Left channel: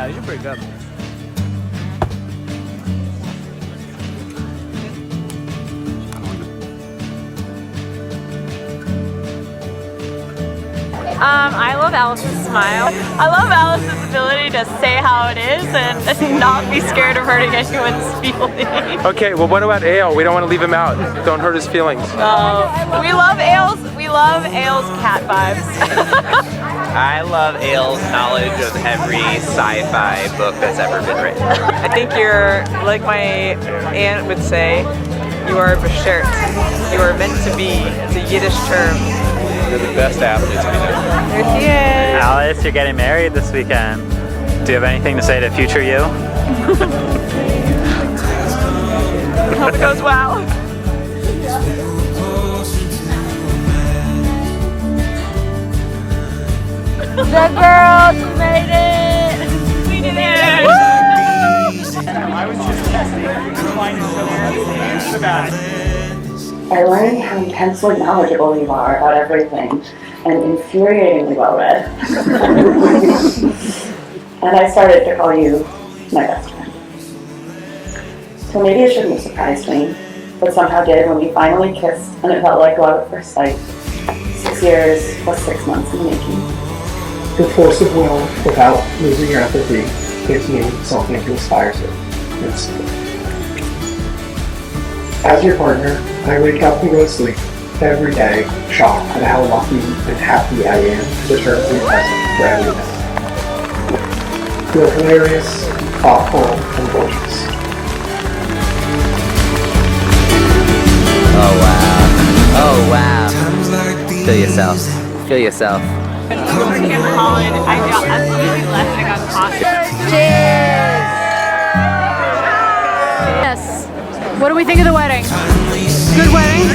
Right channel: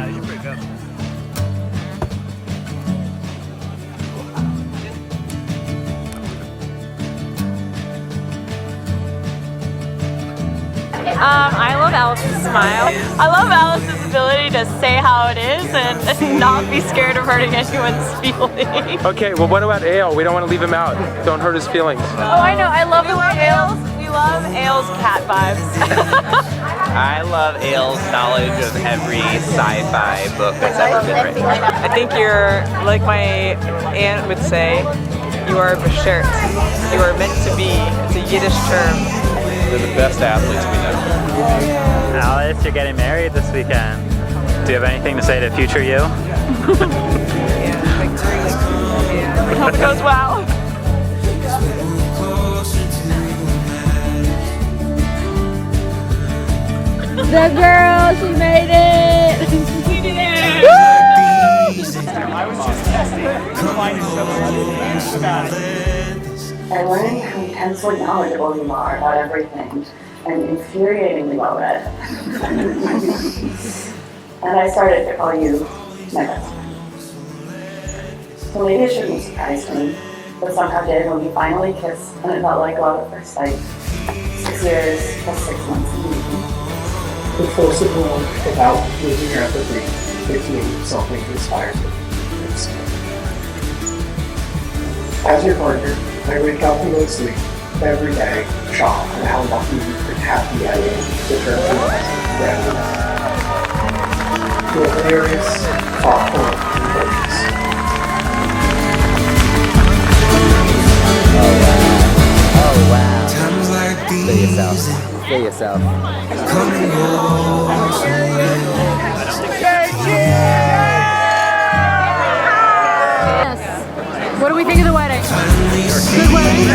Yeah, these are pretty good. I love Alice's smile. I love Alice's ability to say how it is and not be scared of hurting anyone's feelings. Okay, well what about Ale? We don't want to leave him out. Don't hurt his feelings. Oh, I know. We love Ale's. We love Ale's cat vibes. I love Ale's knowledge of every sci-fi book that's ever been written. I think you're, like my aunt would say, you are beschert. You are meant to be. It's a Yiddish term. They're the best athletes we know. Yeah. Alice, you're getting married this weekend. Do you have anything to say to future you? Hope it goes well. Good girl, she made it! We did it! I was just testing. I learned how intensely knowledgeable you are about everything and infuriatingly well read. And I started to call you my best friend. So maybe it shouldn't have surprised me, but somehow did when we finally kissed and it felt like love at first sight. 6 years plus 6 months in making. The force of will without losing your empathy gives me something to aspire to. As your partner, I wake up and go to sleep every day shocked at how lucky and happy I am to deserve to be present for everyone. You're hilarious, thoughtful, and gorgeous. Oh wow. Oh wow. Feel yourself. Feel yourself. Yes. What do we think of the wedding? Good wedding?